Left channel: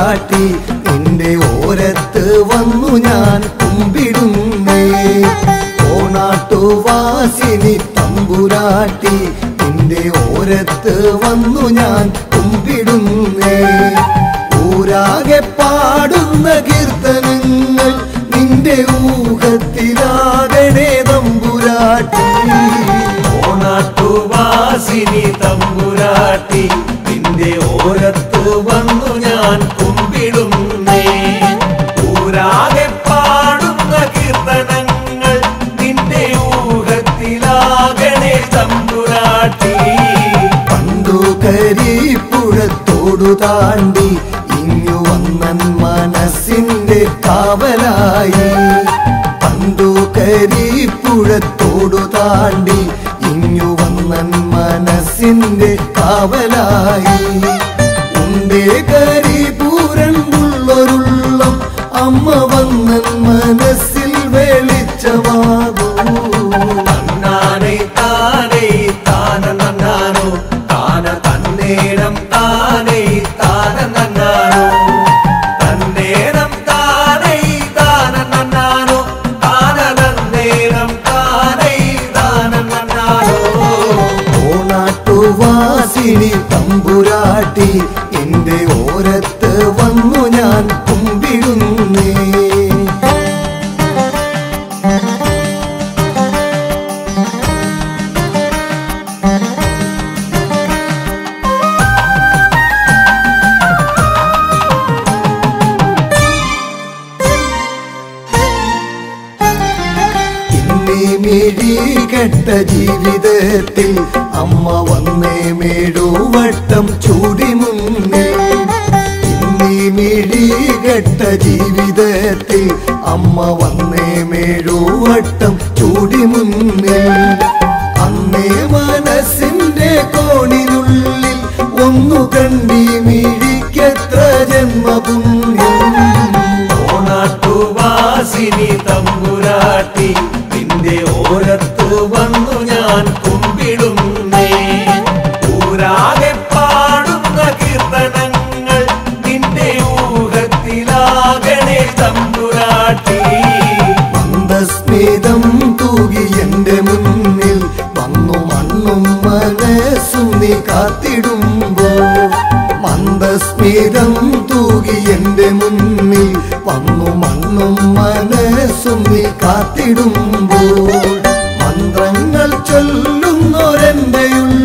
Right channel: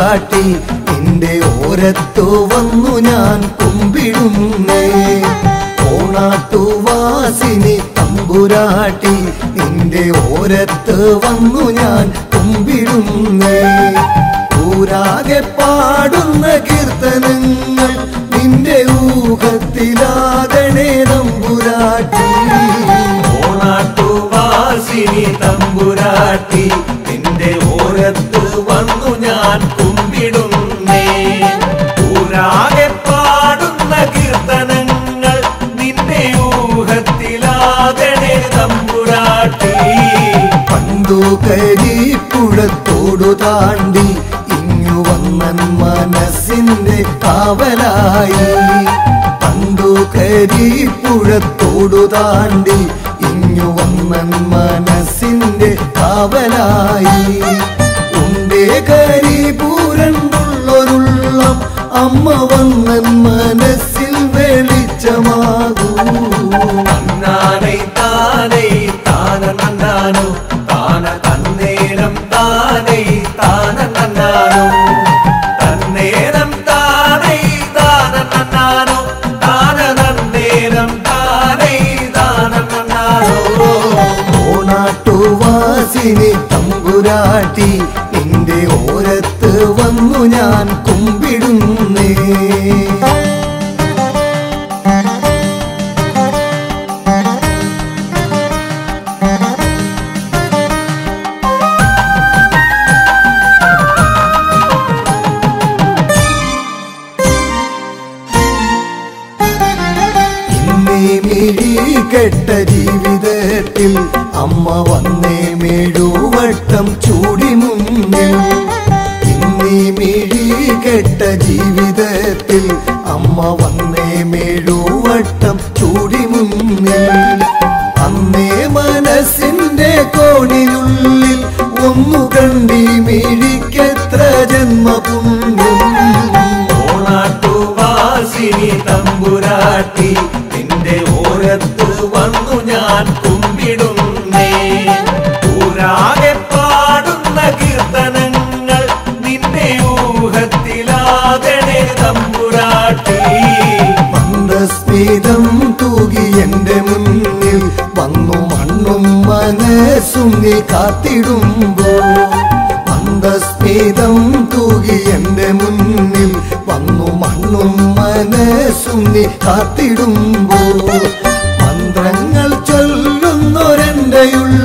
തമ്പുരാട്ടി നിന്റെ ഓരത്ത് വന്നു ഞാൻ കുമ്പിടുന്നേ. ഓണാട്ടുവാസിനി തമ്പുരാട്ടി നിന്റെ ഓരത്ത് വന്നു ഞാൻ കുമ്പിടുന്നേ. ഊരാകെ പാടുന്ന കീർത്തനങ്ങൾ നിന്റെ ഊഹത്തിലാകണേ തമ്പുരാട്ടി. ഓണാട്ടുവാസിനി തമ്പുരാട്ടി നിന്റെ ഓരത്ത് വന്നു ഞാൻ കുമ്പിടുന്നേ. ഊരാകെ പാടുന്ന കീർത്തനങ്ങൾ നിന്റെ ഊഹത്തിലാകണേ തമ്പുരാട്ടി. പണ്ടു കരിപ്പുഴത്തോടു താണ്ടി ഇങ്ങു വന്നൻ മനസ്സിന്റെ കാവലായി. പണ്ടു കരിപ്പുഴത്തോടു താണ്ടി ഇങ്ങു വന്നൻ മനസ്സിന്റെ കാവലായി. ഉണ്ടേ കരിപൂരണ്ടുള്ളൊരുള്ള അമ്മ വന്നൻ മനസ്സിൽ വെളിച്ചമാകൂ. തന്നാനൈ താനൈ താന നന്നാനോ താന തന്നേരം താനൈ താന നന്നാനോ തന്നേരം താനൈ താന നന്നാനോ താന തന്നേരം താനൈ താന നന്നാനോ. ഓണാട്ടുവാസിനി തമ്പുരാട്ടി എന്റെ ഓരത്ത് വന്നു ഞാൻ കുമ്പിടുന്നേ. കെട്ട ജീവിതത്തിൽ അമ്മ വന്നേ മേടുവട്ടം ചൂടി മുന്നിൽ. ഇന്നീ മിഴി കെട്ട ജീവിതത്തിൽ അമ്മ വന്നേ മേടുവട്ടം ചൂടി മുന്നിൽ. അന്നേ മനസ്സിന്റെ കോണിനുള്ളിൽ ഒന്നു കണ്ടി മിഴിക്കെത്ര ജന്മപുണ്യം. ഓണാട്ടുവാസിനി തമ്പുരാട്ടി നിന്റെ ഓരത്ത് വന്നു ഞാൻ കുമ്പിടുന്നേ. ഊരാകെ പാടുന്ന കീർത്തനങ്ങൾ നിന്റെ ഊഹത്തിലാകണേ തമ്പുരാട്ടി. മന്ദസ്മിതം തൂകി എന്റെ മുന്നിൽ വന്നു മണ്ണും മനസ്സും നീ കാത്തിടുമ്പോ. മന്ദസ്മിതം തൂകി എന്റെ മുന്നിൽ വന്നു മണ്ണും മനസ്സും നീ കാത്തിടുമ്പോ. മന്ത്രങ്ങൾ ചൊല്ലുന്നൊരെൻ്റെയുള്ള